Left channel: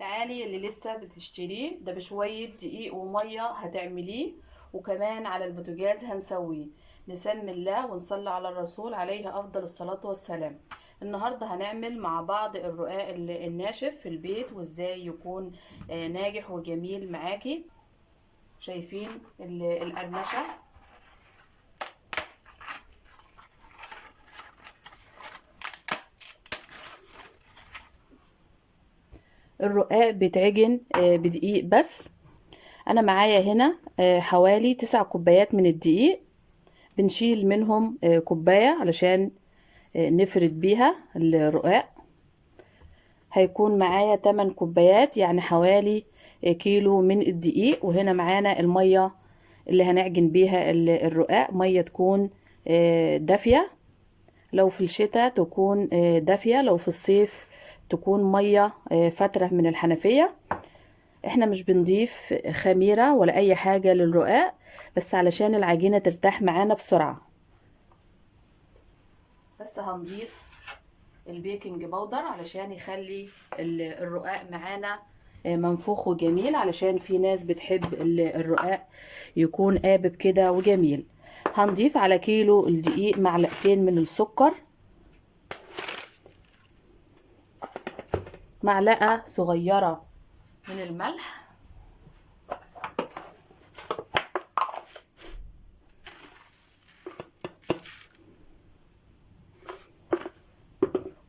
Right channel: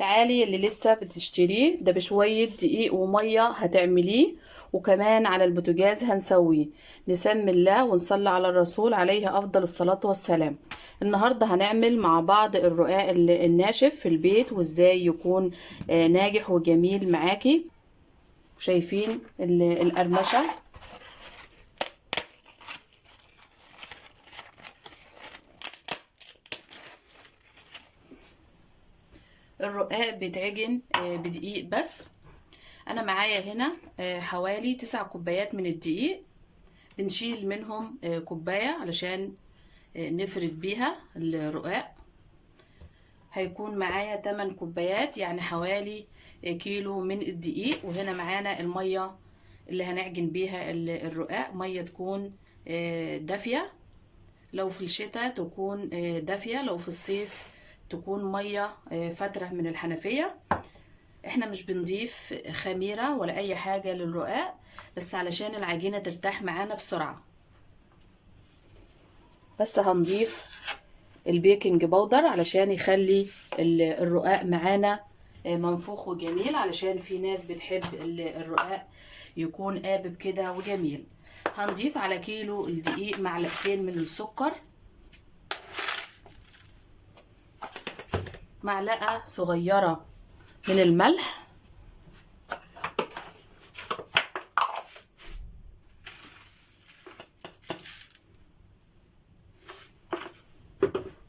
تعالي اللي لسه بتشتريه ده بشوية دقيق ومية هتعمليه، وكمان على البوتاجاز هنسويه. نسمي الله ونصلي على الرسول عليه أفضل الصلاة والسلام. النهاردة هنعمل مع بعض الرقاق الناشف في البيت، وازاي يكون ناجح وجميل معاكي. شايفين القرمشة؟ الرقاق بيتعجن بدقيق بس. انا معايا هنا حوالي 9 كوبايات من الدقيق. بنشيل منهم كوباية علشان نفرد بيها الرقاق. هيكون معايا 8 كوبايات، يعني حوالي كيلو من الدقيق. وهنا معانا المية اللي هنعجن بيها الرقاق، مية تكون دافية. لو في الشتاء تكون دافية، لو في الصيف تكون مية فترة من الحنفية. احنا مش بنضيف خميرة ولا اي حاجة للرقاق، بس علشان العجينة ترتاح معانا بسرعة. بس هنضيف البيكنج باودر علشان يخلي الرقاق معانا منفوخ وجميل، علشان في ناس بتحب الرقاق يكون قابب كده وجميل. هنضيف على كيلو الدقيق معلقتين من السكر، معلقة صغيرة من الملح،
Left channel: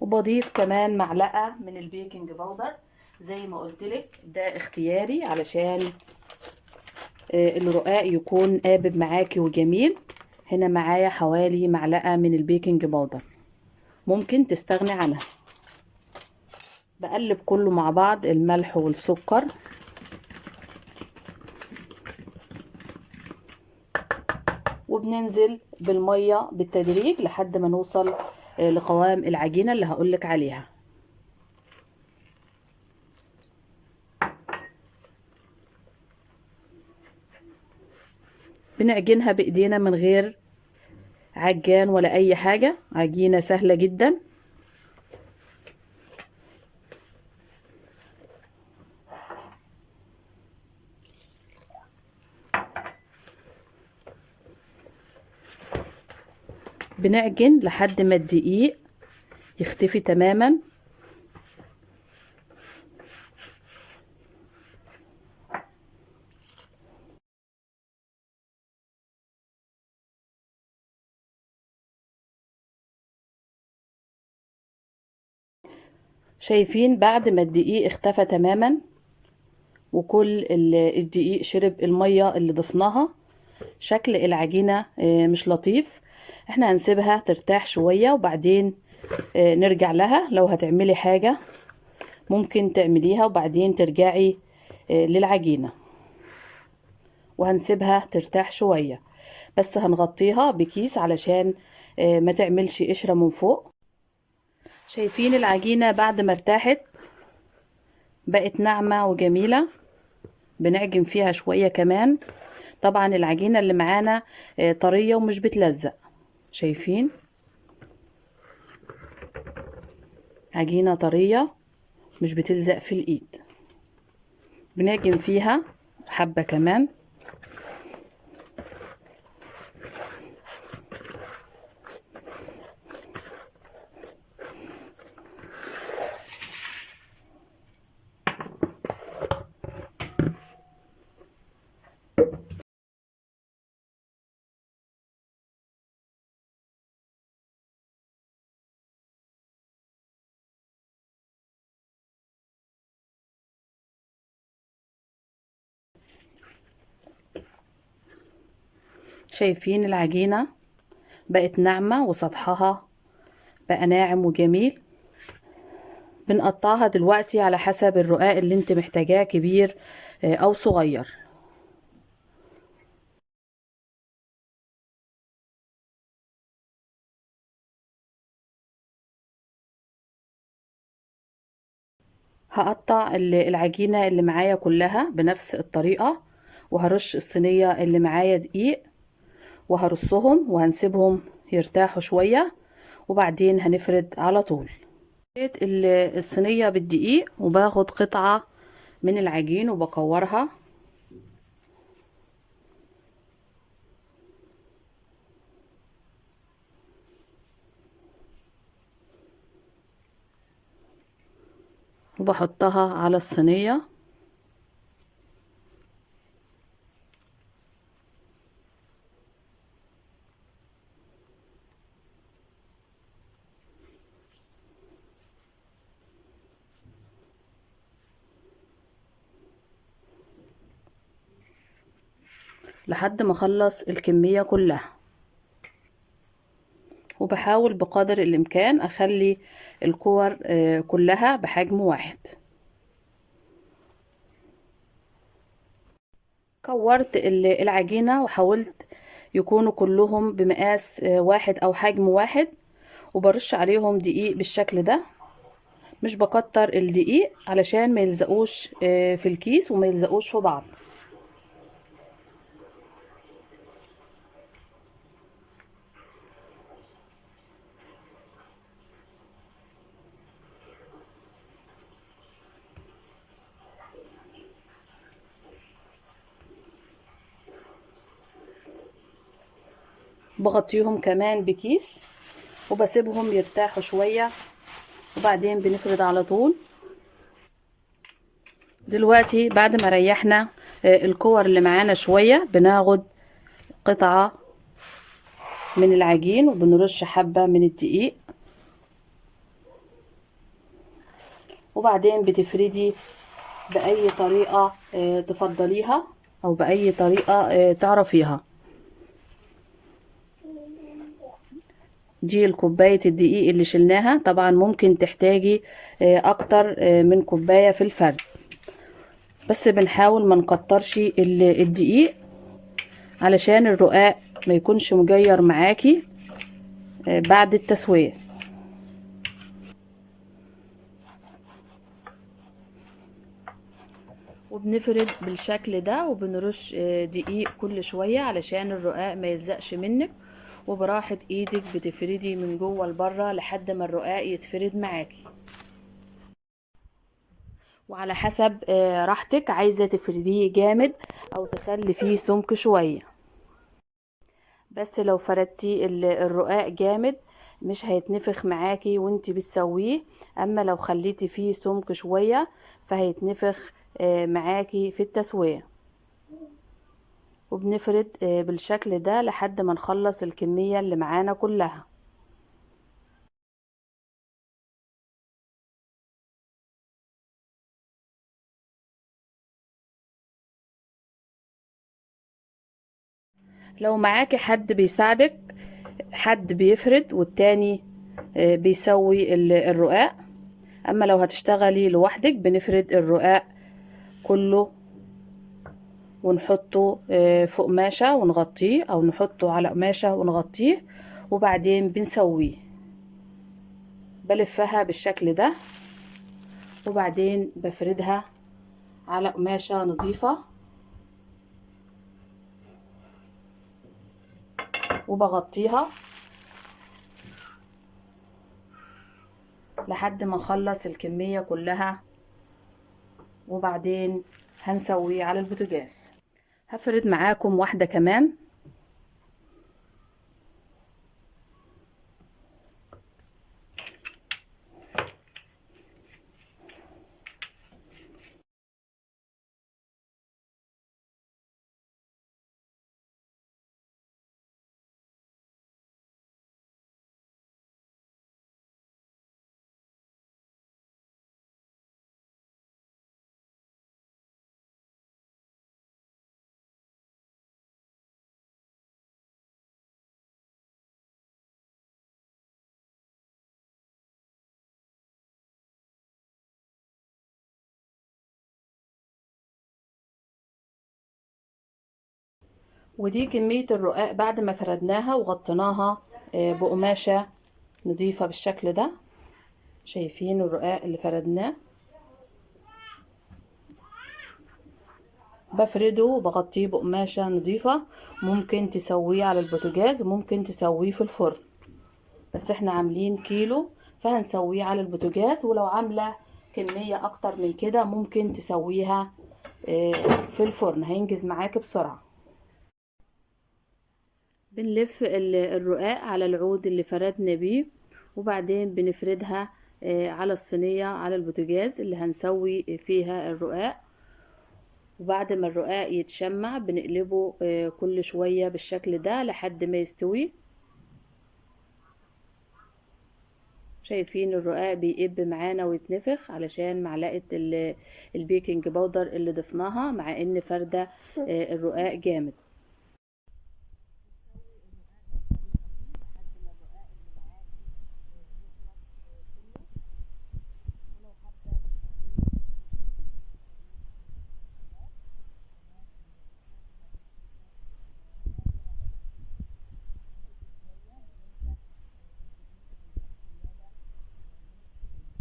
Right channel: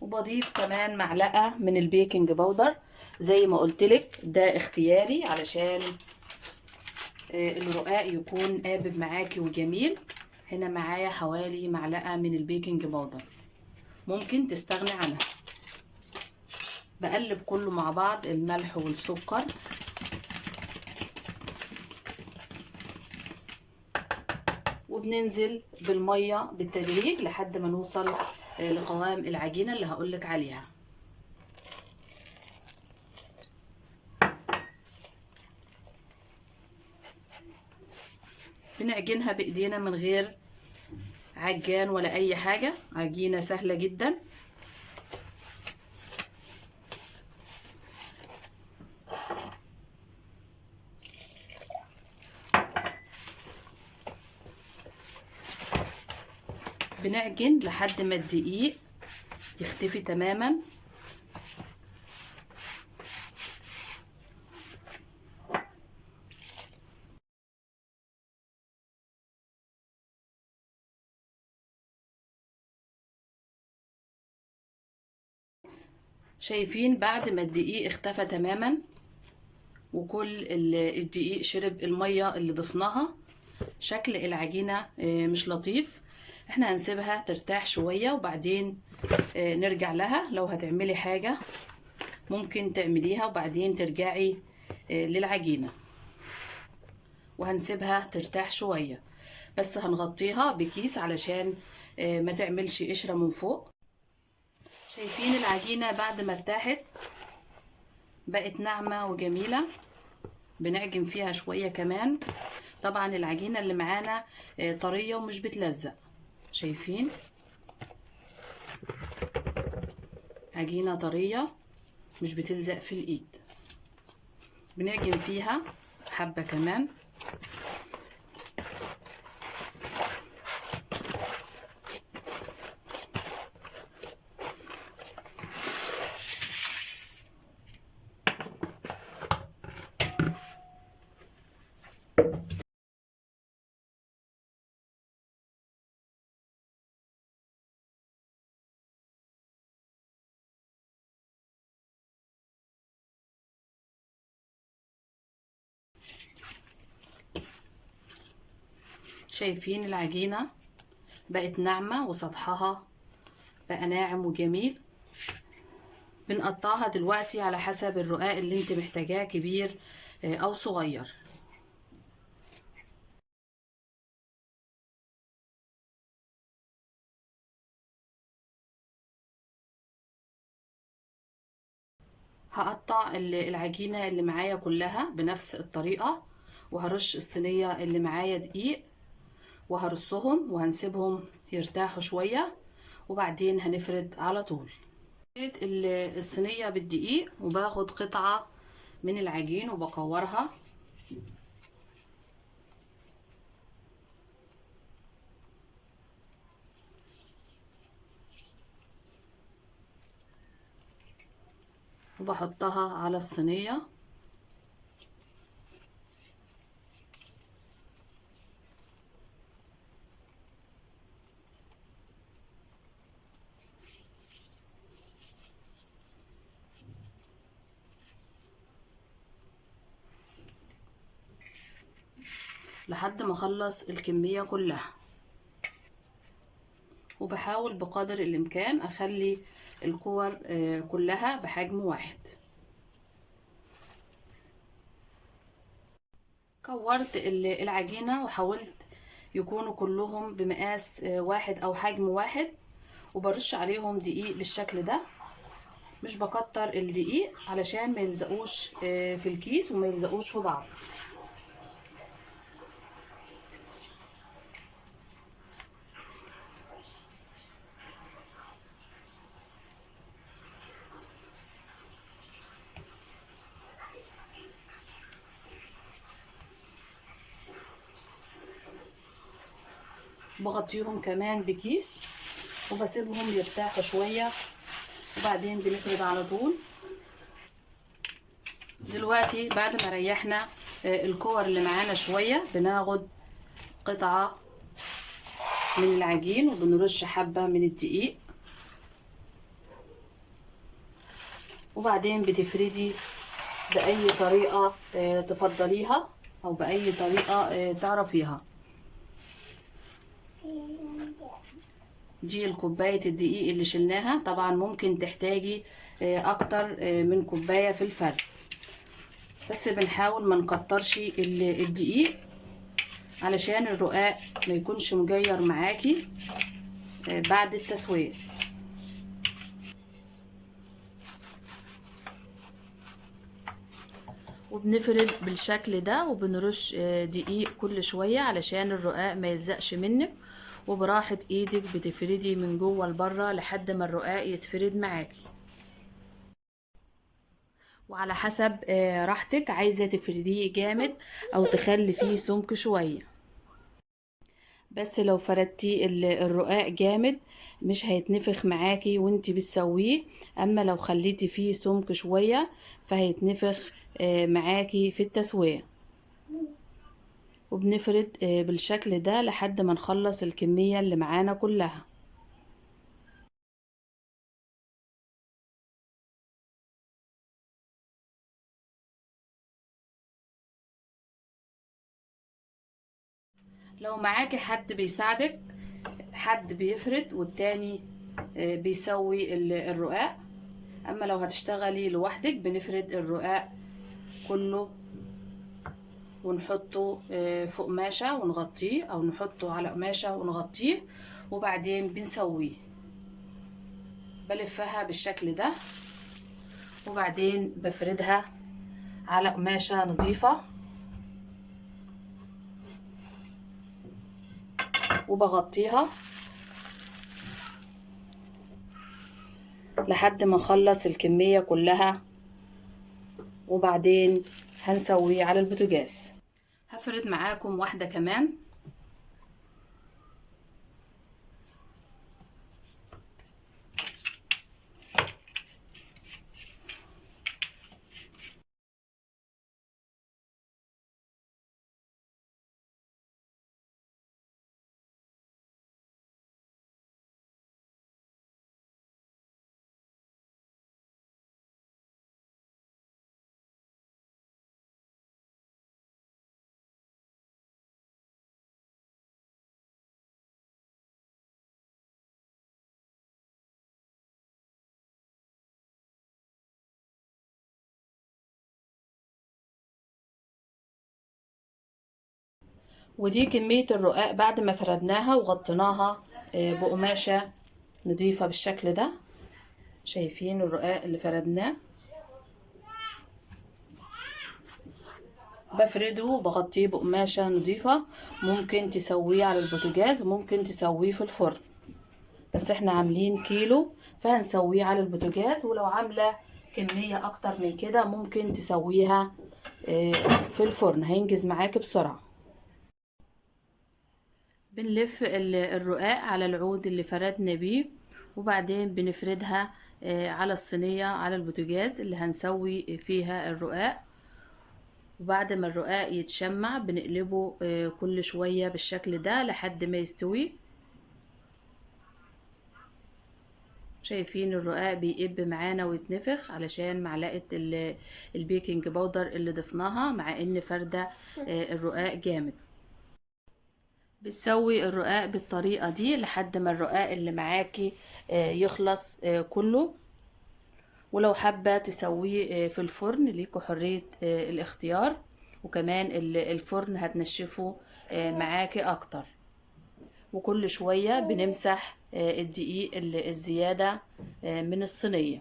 وبضيف كمان معلقة من البيكنج باودر. زي ما قلتلك ده اختياري علشان الرقاق يكون قابب معاكي وجميل. هنا معايا حوالي معلقة من البيكنج باودر، ممكن تستغني عنها. بقلب كله مع بعض، الملح والسكر، وبننزل بالمية بالتدريج لحد ما نوصل لقوام العجينة اللي هقولك عليها. بنعجنها بايدينا من غير عجان ولا اي حاجة، عجينة سهلة جدا. بنعجن لحد ما الدقيق يختفي تماما. شايفين بعد ما الدقيق اختفى تماما وكل الدقيق شرب المية اللي ضفناها، شكل العجينة مش لطيف. احنا هنسيبها ترتاح شوية وبعدين نرجع لها. لو هتعملي حاجة ممكن تعمليها وبعدين ترجعي للعجينة، وهنسيبها ترتاح شوية. بس هنغطيها بكيس علشان ما تعملش قشرة من فوق. شايفين العجينة بعد ما ارتاحت بقت ناعمة وجميلة. بنعجن فيها شوية كمان. طبعا العجينة اللي معانا طرية ومش بتلزق. شايفين عجينة طرية مش بتلزق في الايد. بنعجن فيها حبة كمان. شايفين العجينة بقت ناعمة وسطحها بقى ناعم وجميل. بنقطعها دلوقتي على حسب الرقاق اللي انت محتاجاه، كبير او صغير. هقطع العجينة اللي معايا كلها بنفس الطريقة، وهرش الصينية اللي معايا دقيق وهرصهم وهنسيبهم يرتاحوا شوية وبعدين هنفرد على طول. الصينية بالدقيق وباخد قطعة من العجين وبكورها. وبحطها على الصينية. لحد ما اخلص الكمية كلها، وبحاول بقدر الامكان اخلي الكور كلها بحجم واحد. كورت العجينة وحاولت يكونوا كلهم بمقاس واحد او حجم واحد، وبرش عليهم دقيق بالشكل ده. مش بكتر الدقيق علشان ما يلزقوش في الكيس وما يلزقوش في بعض. بغطيهم كمان بكيس وبسيبهم يرتاحوا شوية، وبعدين بنفرد على طول. دلوقتي بعد ما ريحنا الكور اللي معانا شوية، بناخد قطعة من العجين وبنرش حبة من الدقيق، وبعدين بتفردي بأي طريقة تفضليها أو بأي طريقة تعرفيها. دي الكوباية الدقيق اللي شلناها. طبعا ممكن تحتاجي أكتر من كوباية في الفرد، بس بنحاول ما نكترش الدقيق علشان الرقاق ما يكونش مجير معاكي بعد التسوية. وبنفرد بالشكل ده، وبنرش دقيق كل شوية علشان الرقاق ما يلزقش منك، وبراحة ايدك بتفردي من جوه لبره لحد ما الرقاق يتفرد معاكي. وعلى حسب راحتك، عايزة تفرديه جامد او تخلي فيه سمك شوية. بس لو فردتي الرقاق جامد مش هيتنفخ معاكي وانتي بتسويه، اما لو خليتي فيه سمك شوية فهيتنفخ معاكي في التسوية. وبنفرد بالشكل ده لحد ما نخلص الكمية اللي معانا كلها. لو معاكي حد بيساعدك، حد بيفرد والتاني بيسوي الرقاق. اما لو هتشتغلي لوحدك بنفرد الرقاق كله ونحطه في قماشة ونغطيه، او نحطه على قماشة ونغطيه، وبعدين بنسويه. بلفها بالشكل ده، وبعدين بفردها على قماشة نظيفة، وبغطيها لحد ما نخلص الكمية كلها، وبعدين هنسويه على البوتاجاز. هفرد معاكم واحدة كمان. ودي كمية الرقاق بعد ما فردناها وغطيناها بقماشة نضيفة بالشكل ده. شايفين الرقاق اللي فردناه؟ بفرده وبغطيه بقماشة نضيفة. ممكن تسويه على البوتاجاز وممكن تسويه في الفرن، بس احنا عاملين كيلو فهنسويه على البوتاجاز. ولو عاملة كمية اكتر من كده ممكن تسويها في الفرن، هينجز معاكي بسرعة. بنلف الرقاق على العود اللي فردنا بيه، وبعدين بنفردها على الصينية على البوتاجاز اللي هنسوي فيها الرقاق. وبعد ما الرقاق يتشمع بنقلبه كل شوية بالشكل ده لحد ما يستوي. شايفين الرقاق بيقب معانا ويتنفخ علشان معلقة البيكنج باودر اللي ضفناها، مع ان فردة الرقاق جامد. بتسوي الرقاق بالطريقة دي لحد ما الرقاق اللي معاكي يخلص كله. ولو حابة تسويه في الفرن ليكوا حرية الاختيار، وكمان الفرن هتنشفه معاكي اكتر. وكل شوية بنمسح الدقيق الزيادة من الصينية.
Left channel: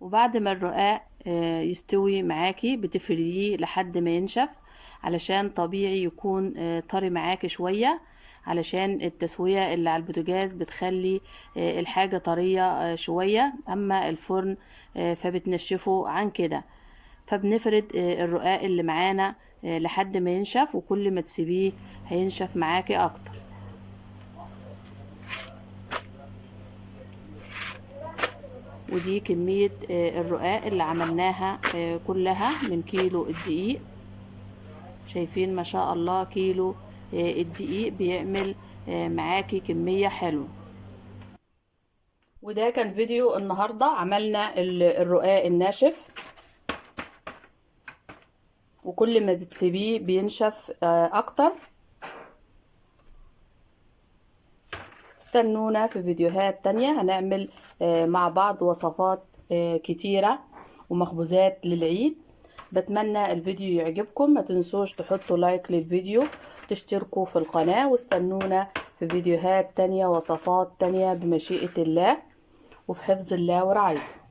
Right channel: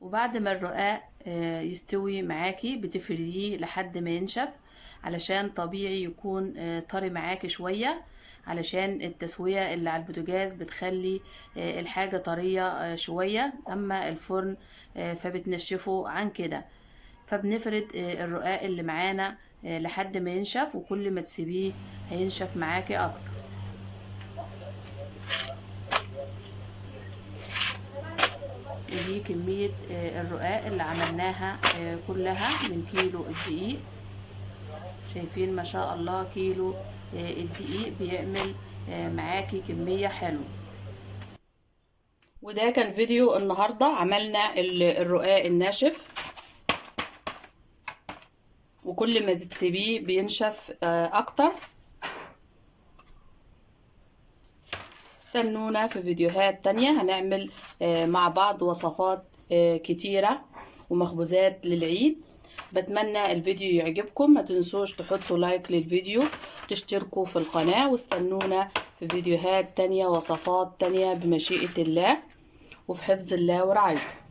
وبعد ما الرقاق يستوي معاكي بتفرديه لحد ما ينشف، علشان طبيعي يكون طري معاكي شوية، علشان التسوية اللي على البوتاجاز بتخلي الحاجة طرية شوية، اما الفرن فبتنشفه عن كده. فبنفرد الرقاق اللي معانا لحد ما ينشف، وكل ما تسيبيه هينشف معاكي اكتر. ودي كمية الرقاق اللي عملناها كلها من كيلو الدقيق. شايفين ما شاء الله كيلو الدقيق بيعمل معاكي كمية حلوة. وده كان فيديو النهاردة، عملنا الرقاق الناشف، وكل ما بتسيبيه بينشف اكتر. استنونا في فيديوهات تانية، هنعمل مع بعض وصفات كتيرة ومخبوزات للعيد. بتمنى الفيديو يعجبكم، ما تنسوش تحطوا لايك للفيديو، تشتركوا في القناة، واستنونا في فيديوهات تانية وصفات تانية بمشيئة الله وفي حفظ الله ورعايته.